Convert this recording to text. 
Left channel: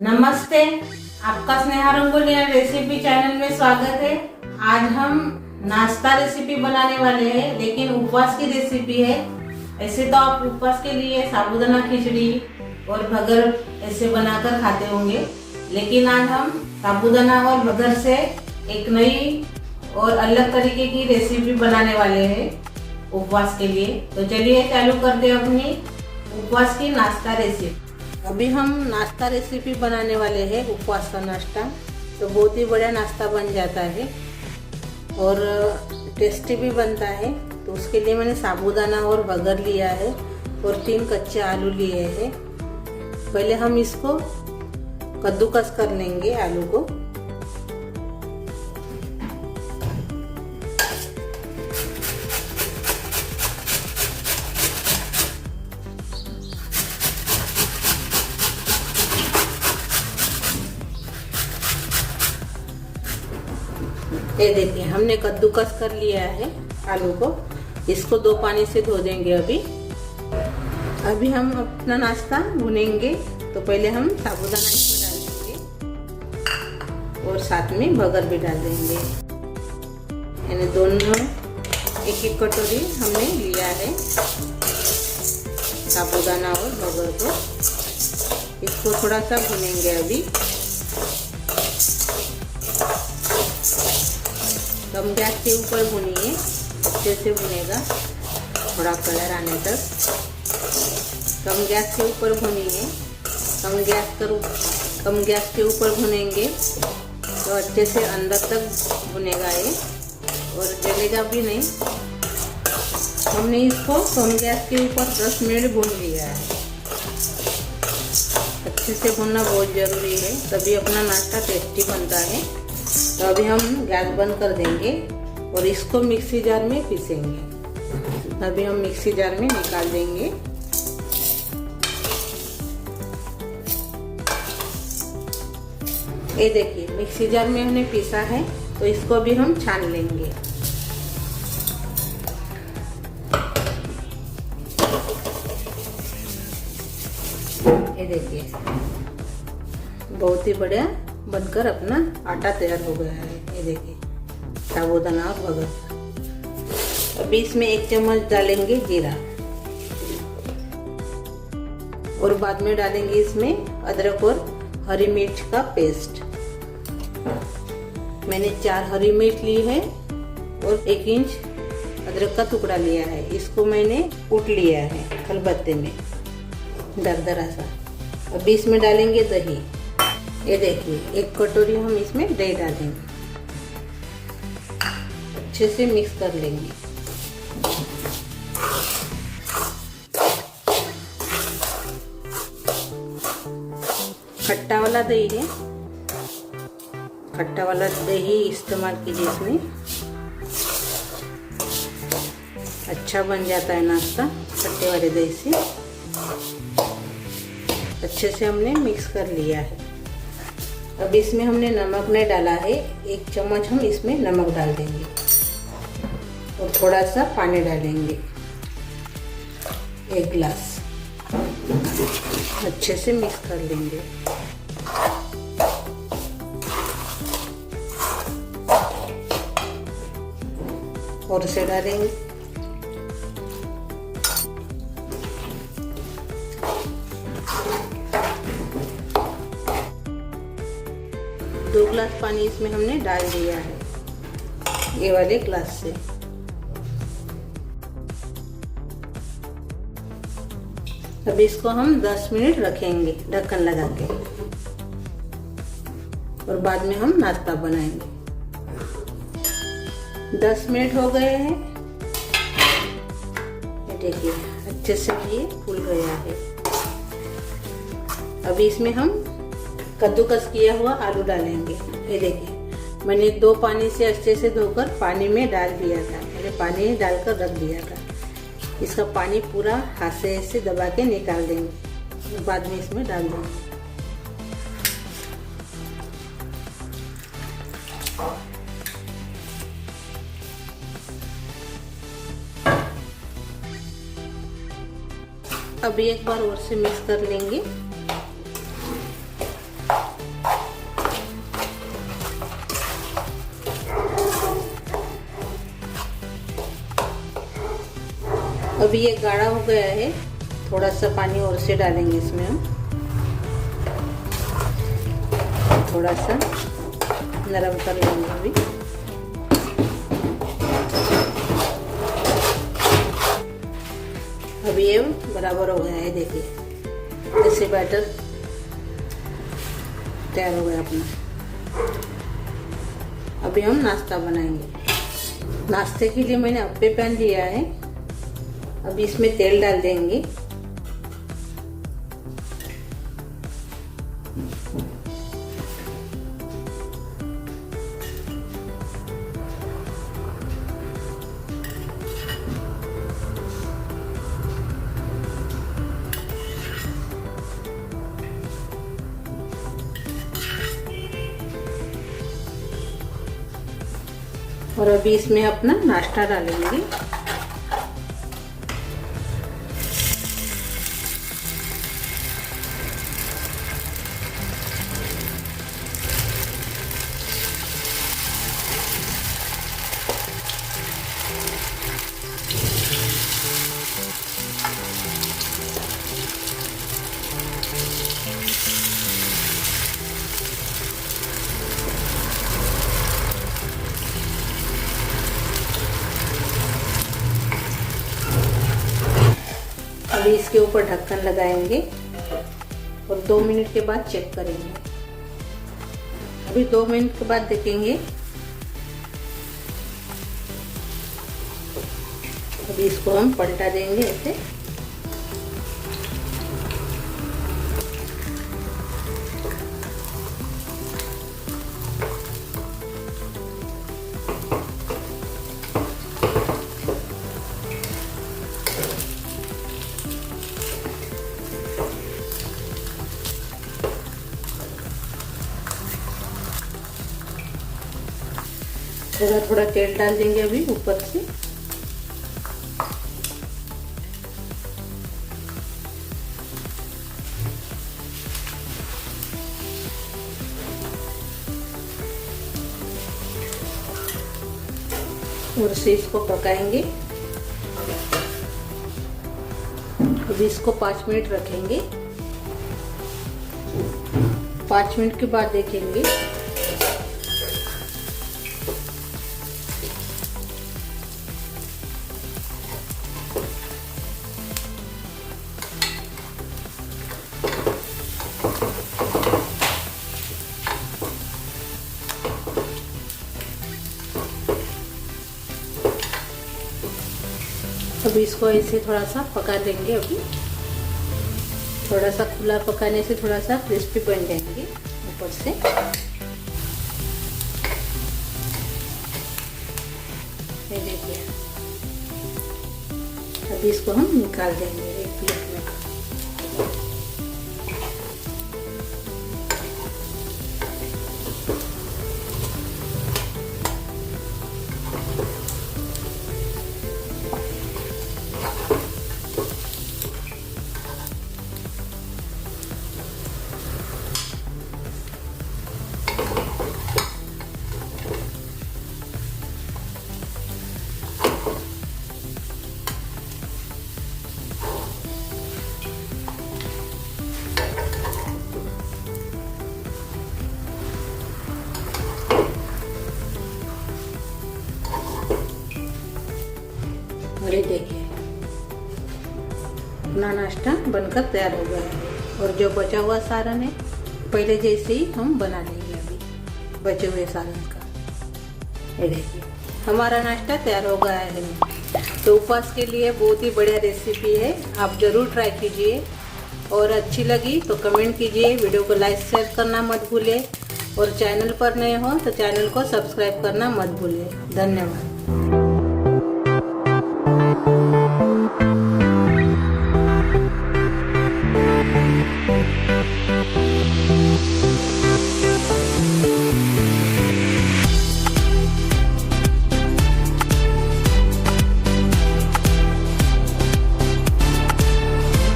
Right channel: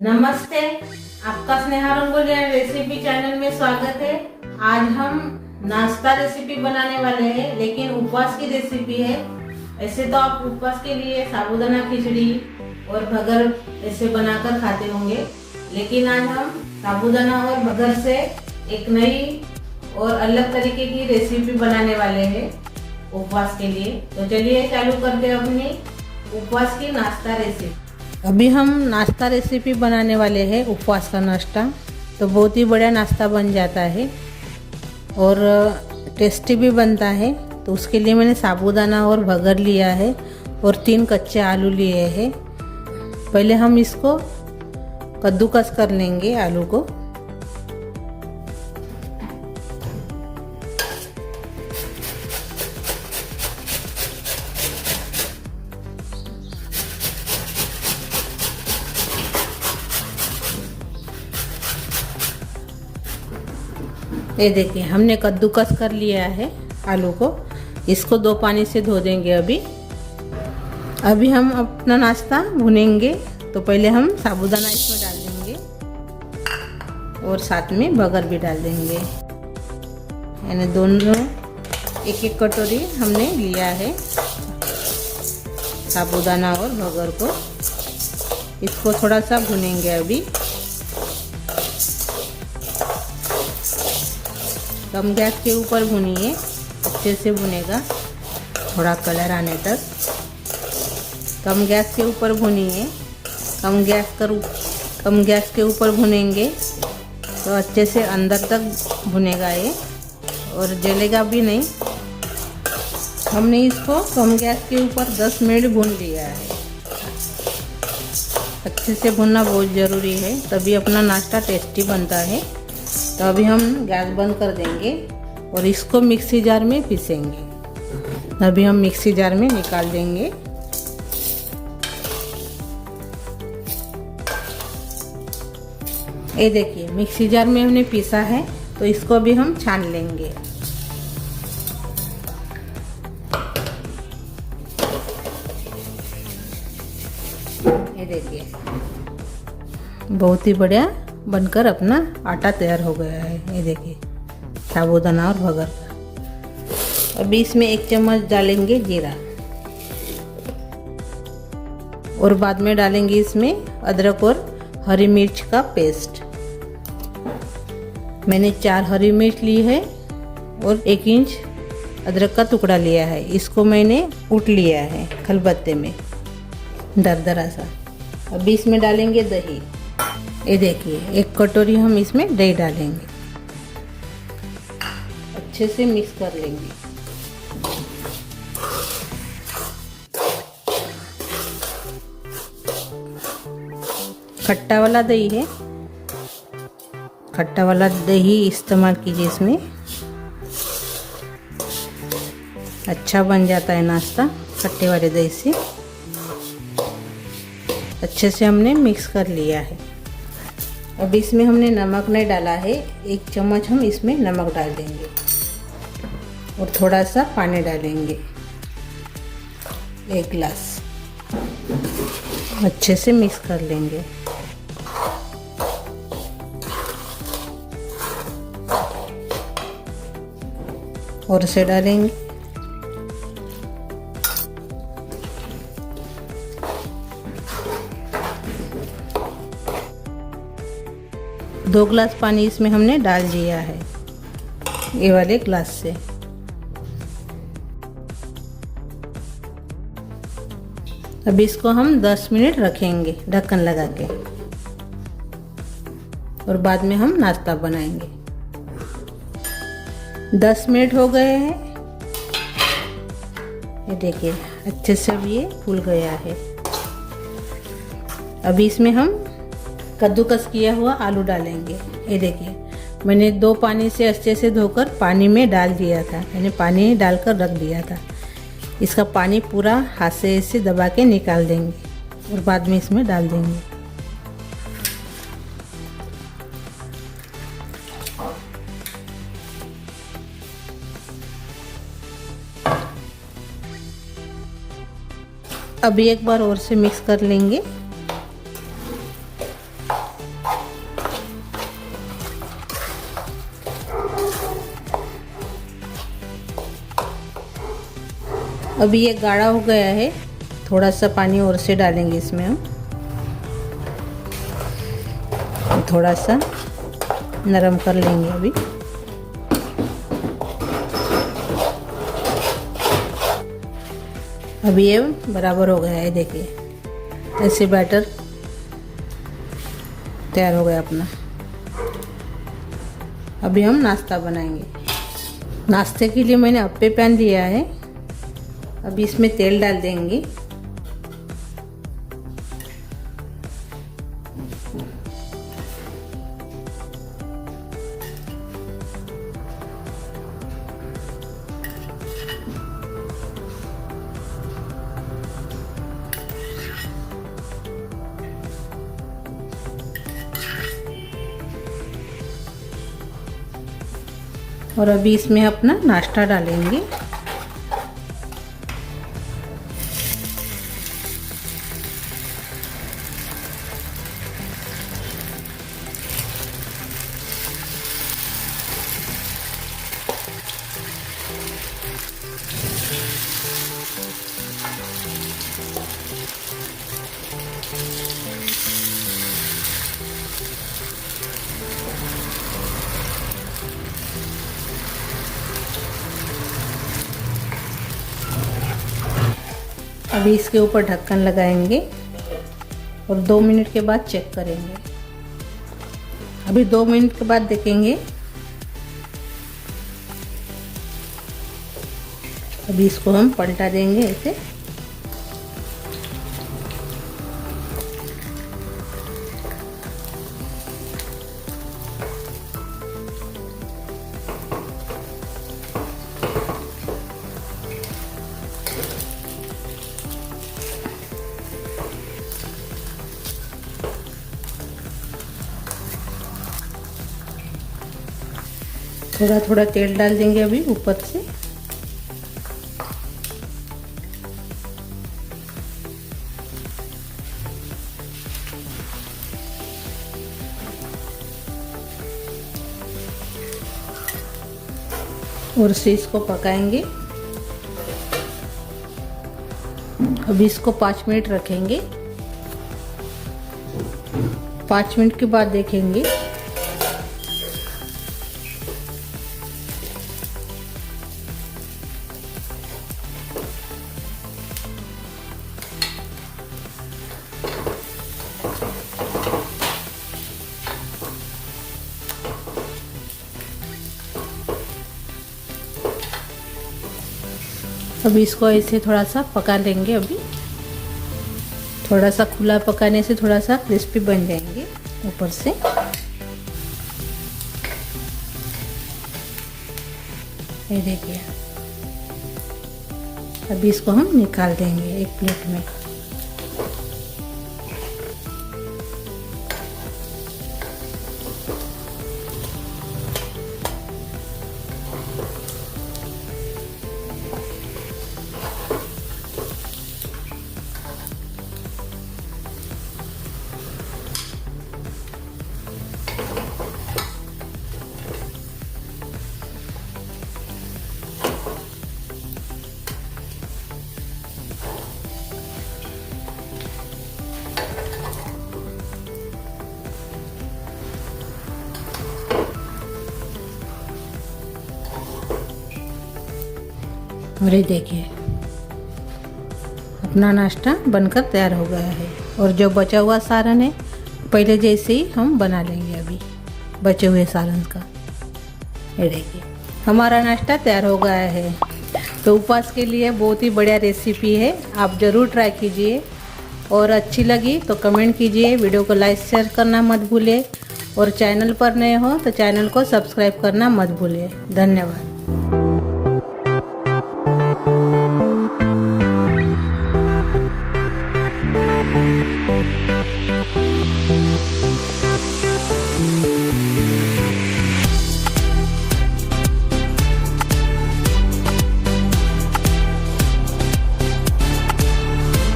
नमस्ते, आपका Sneha रंगोलिया recipe channel में स्वागत है। आज हम नाश्ता रेसिपी बनाने वाले हैं, लेकिन उपवास की रेसिपी है। ऐसे तो आप उपवास के लिए साबूदाना खिचड़ी और भगर ऐसे बनाकर खाते होंगे, लेकिन आज हम साबूदाना और भगर से एक नई और अलग तरीके की रेसिपी बनाने वाले हैं उपवास के लिए। तो चलिए चालू करते हैं अपनी उपवास की नाश्ता रेसिपी। अभी हम नाश्ता रेसिपी बनाने वाले हैं, उपवास का नाश्ता। तो बहुत ही बढ़िया नाश्ता बन जाता है और टेस्टी भी बनता है। तो उसके लिए मैंने साबूदाना और भगर लिया है और 3 कच्चे आलू लिए हैं। पहले हम इसको कद्दूकस कर लेंगे आलू को। ये देखिए, हमने कद्दूकस कर लिया है आलू को। इसको 2 पानी से धो देंगे। अभी हम अपना नाश्ता भुनेंगे। तो पहले हम साबूदाना इसमें डाल देंगे और साथ में भगर भी डाल देंगे। यानी दोनों 1-1 कटोरी हमने लिया है साबूदाना और भगर को। इसको थोड़ा सा भुनेंगे। अभी कम गैस के ऊपर भुनिए, अच्छे से भुनेगा, थोड़ा कलर आने तक। कम गैस के ऊपर भुनिए। कम गैस के ऊपर भुनेंगे तो अच्छे से अंदर तक भुनेगा ये, और जलेगा भी नहीं। हमने इसको कम गैस के ऊपर 10 मिनट भून लिया है। अच्छे से भुनना बहुत ज़रूरी है, तभी अपना नाश्ता टेस्टी बनता है। तो अभी हम गैस बंद कर देंगे और इसको मिक्सी जार में पीसेंगे। अभी हम मिक्सी जार में निकाल देंगे। ये देखिए, मिक्सी जार में हमने पीसा है। तो इसको अभी हम छान लेंगे। ये देखिए, बहुत ही बढ़िया बनकर अपना आटा तैयार हो गया है। ये देखिए, साबूदाना और भगर। अभी इसमें 1 चम्मच डालेंगे जीरा और बाद में डालेंगे इसमें अदरक और हरी मिर्च का पेस्ट। मैंने 4 हरी मिर्च ली है और 1 इंच अदरक का टुकड़ा लिया है। इसको मैंने कूट लिया है खलबत्ते में दरदरा सा। अभी इसमें डालेंगे दही। ये देखिए, 1 कटोरी हम इसमें दही डालेंगे। अच्छे से मिक्स कर लेंगे। खट्टा वाला दही है, खट्टा वाला दही इस्तेमाल कीजिए इसमें। अच्छा बन जाता है नाश्ता खट्टे वाले दही से। अच्छे से हमने मिक्स कर लिया है। अब इसमें हमने नमक नहीं डाला है। 1 चम्मच हम इसमें नमक डाल देंगे और थोड़ा सा पानी डालेंगे, 1 गिलास। अच्छे से मिक्स कर लेंगे। और से डालेंगे। दो गिलास पानी इसमें हमने डाल दिया है, ये वाले ग्लास से। अब इसको हम 10 मिनट रखेंगे ढक्कन लगा के, और बाद में हम नाश्ता बनाएंगे। 10 मिनट हो गए हैं। ये देखिए, अच्छे से ये फूल गया है। अभी इसमें हम कद्दूकस किया हुआ आलू डालेंगे। ये देखिए, मैंने 2 पानी से अच्छे से धोकर पानी में डाल दिया था। मैंने पानी डालकर रख दिया था। इसका पानी पूरा हाथ से ऐसे दबा के निकाल देंगे और बाद में इसमें डाल देंगे। अभी एक बार और से मिक्स कर लेंगे। अभी ये गाढ़ा हो गया है, थोड़ा सा पानी और से डालेंगे इसमें हम, थोड़ा सा नरम कर लेंगे अभी। अभी ये बराबर हो गया है, देखिए ऐसे बैटर तैयार हो गया अपना। अभी हम नाश्ता बनाएंगे। नाश्ते के लिए मैंने अप्पे पैन लिया है। अभी इसमें तेल डाल देंगे। और अभी इसमें अपना नाश्ता डालेंगे। अभी इसके ऊपर ढक्कन लगाएंगे और 2 मिनट के बाद चेक करेंगे। अभी 2 मिनट के बाद देखेंगे। अभी इसको हम पलटा देंगे ऐसे। थोड़ा थोड़ा तेल डाल देंगे अभी ऊपर से। और से इसको पकाएंगे। अभी इसको 5 मिनट रखेंगे। 5 मिनट के बाद देखेंगे। अभी इसको ऐसे थोड़ा सा पका देंगे। अभी थोड़ा सा खुला पकाने से थोड़ा सा क्रिस्पी बन जाएंगे ऊपर से। ये देखिए, अभी इसको हम निकाल देंगे एक प्लेट में। और ये देखिए, अपना नाश्ता बनकर तैयार हो गया है। और जो बचा हुआ सालन है पहले जैसे ही हम बना लेंगे अभी बचे हुए सालन का। ये देखिए, हमारा नाश्ता तैयार हो गया है। तो उपवास के लिए बहुत ही बढ़िया रेसिपी है, आप ज़रूर ट्राई कीजिए। और अच्छी लगी तो कमेंट कीजिए, वीडियो को लाइक शेयर करना मत भूलिए। और चैनल पर नए हो तो चैनल को सब्सक्राइब करना मत भूलिए। धन्यवाद।